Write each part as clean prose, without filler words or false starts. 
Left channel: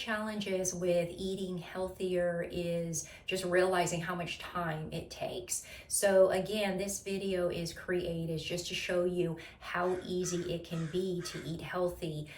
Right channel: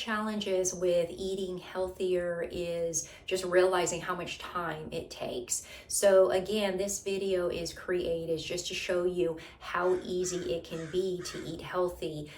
challenges with eating healthier is just realizing how much time it takes. So again, this video is created just to show you how easy it can be to eat healthy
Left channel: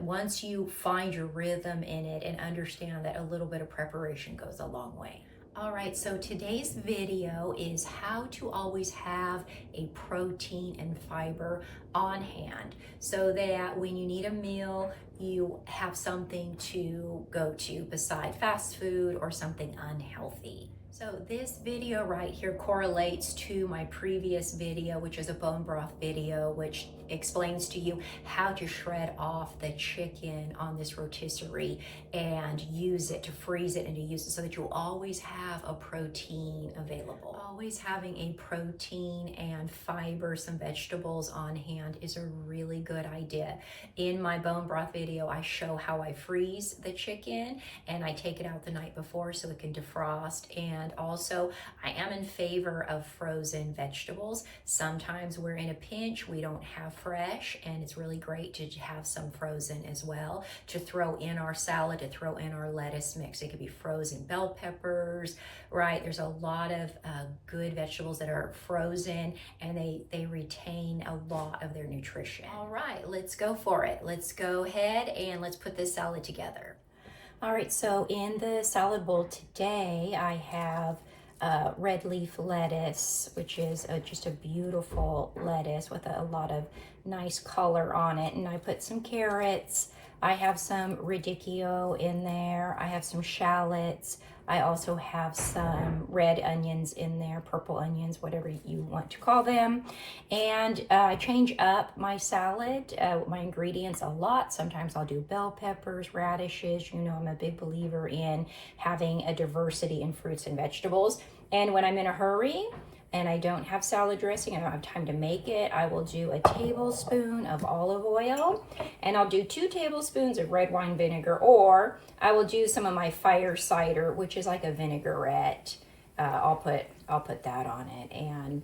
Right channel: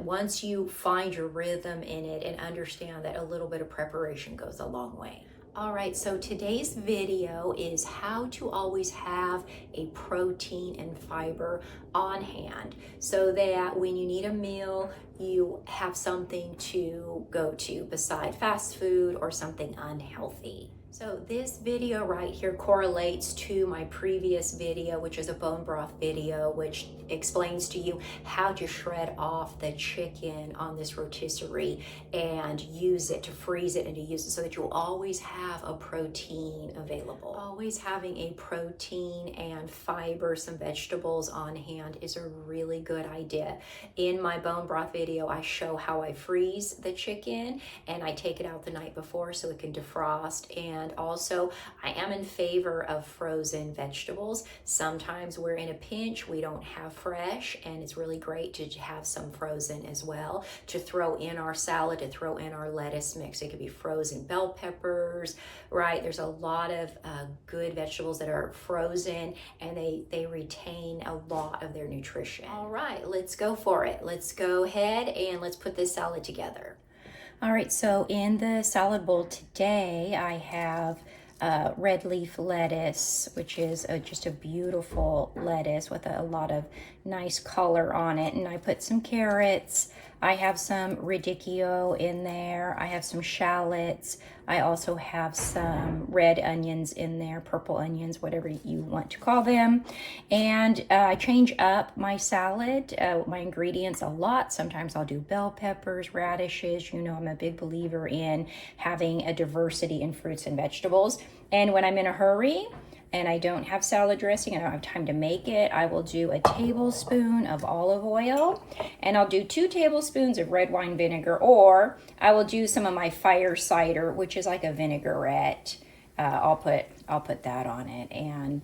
once you find your rhythm in it and understand that a little bit of preparation goes a long way. All right, so today's video is how to always have a protein and fiber on hand so that when you need a meal, you have something to go to beside fast food or something unhealthy. So this video right here correlates to my previous video, which is a bone broth video, which explains to you how to shred off the chicken on this rotisserie and use it to freeze it and to use it so that you'll always have a protein available. Always having a protein and fiber, some vegetables on hand is a really good idea. In my bone broth video, I show how I freeze the chicken and I take it out the night before so it can defrost. And also, I am in favor of frozen vegetables. Sometimes we're in a pinch, we don't have fresh, and it's really great to have some frozen as well to throw in our salad, to throw in our lettuce mix. It could be frozen bell peppers, right? There's a lot of good vegetables that are frozen and they retain a lot of their nutrition. All right, let's go for it. Let's go ahead and let's put this salad together. All right, so in the salad bowl today, I have red leaf lettuce, which is just a beautiful lettuce with a lot of nice color on it. And I put some carrots. I have some radicchio in there. I have some shallots. I also have some red onions in there, purple onions, whatever you want to call them. And I change up my salad, my ingredients a lot. Sometimes I'll do bell peppers, radishes. You know, I'm a big believer in having a diversity in fruits and vegetables. And when I'm in a hurry and I don't have salad dressing and I don't have time to make it, I will do a tablespoon of olive oil and I'll do 2 tablespoons of red wine vinegar, or I will do some of my fire cider, which is like a vinaigrette. I'll put that on it, and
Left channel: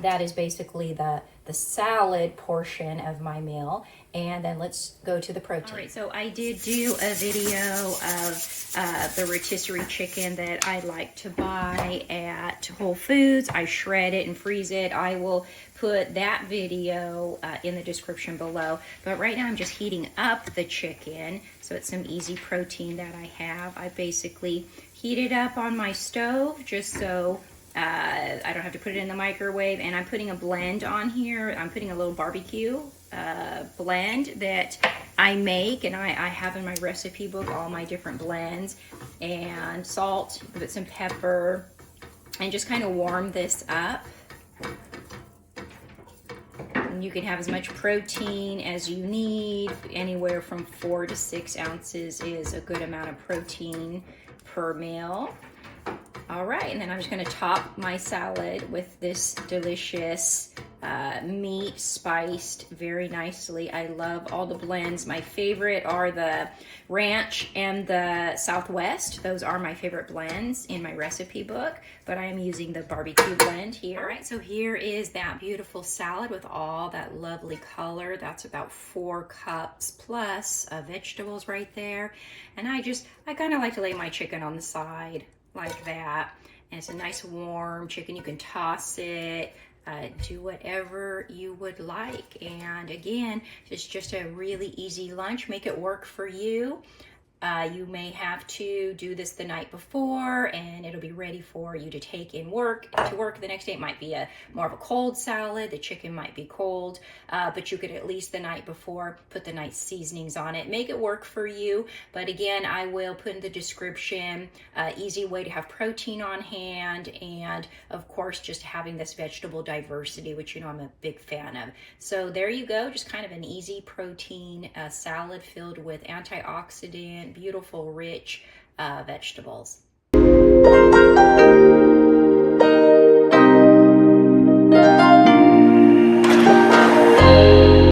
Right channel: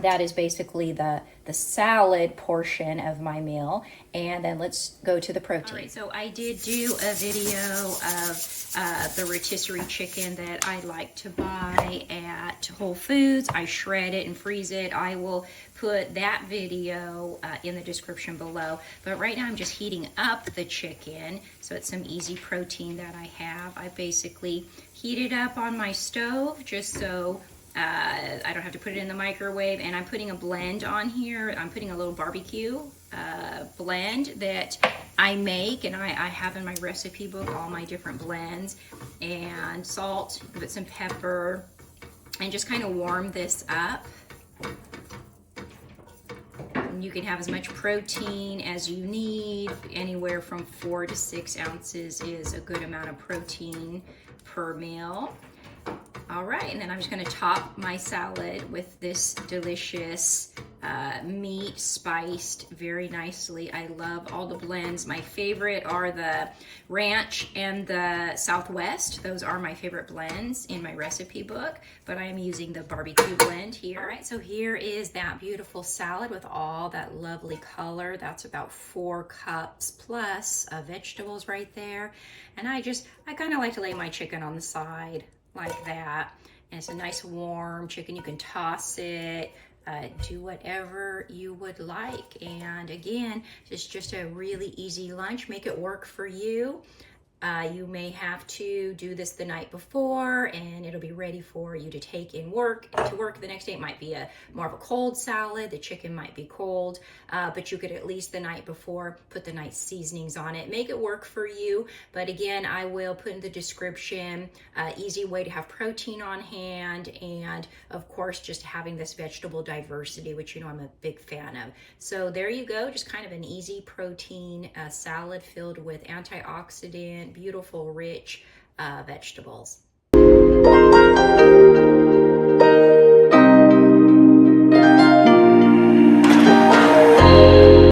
that is basically the salad portion of my meal. And then let's go to the protein. All right, so I did do a video of the rotisserie chicken that I like to buy at Whole Foods. I shred it and freeze it. I will put that video in the description below. But right now I'm just heating up the chicken, so it's some easy protein that I have. I basically heat it up on my stove just so I don't have to put it in the microwave. And I'm putting a blend on here. I'm putting a little barbecue blend that I make, and I have in my recipe book all my different blends, and salt, put some pepper, and just kind of warm this up. And you can have as much protein as you need. Anywhere from 4 to 6 ounces is a good amount of protein per meal. All right, and then I'm just gonna top my salad with this delicious meat, spiced very nicely. I love all the blends. My favorite are the ranch and the Southwest. Those are my favorite blends in my recipe book, but I am using the barbecue blend here. All right, so here is that beautiful salad with all that lovely color. That's about 4 cups plus of vegetables right there. And I kind of like to lay my chicken on the side like that, and it's a nice warm chicken. You can toss it, do whatever you would like. And again, it's just a really easy lunch. Make it work for you. You may have to do this the night before and it'll be ready for you to take to work the next day. It might be more of a cold salad. The chicken might be cold, but you could at least the night before put the nice seasonings on it. Make it work for you. But again, I will put in the description easy way to have protein on hand, and of course just having this vegetable diversity, which you know I'm a big fan of. So there you go, just kind of an easy protein salad filled with antioxidant, beautiful, rich vegetables.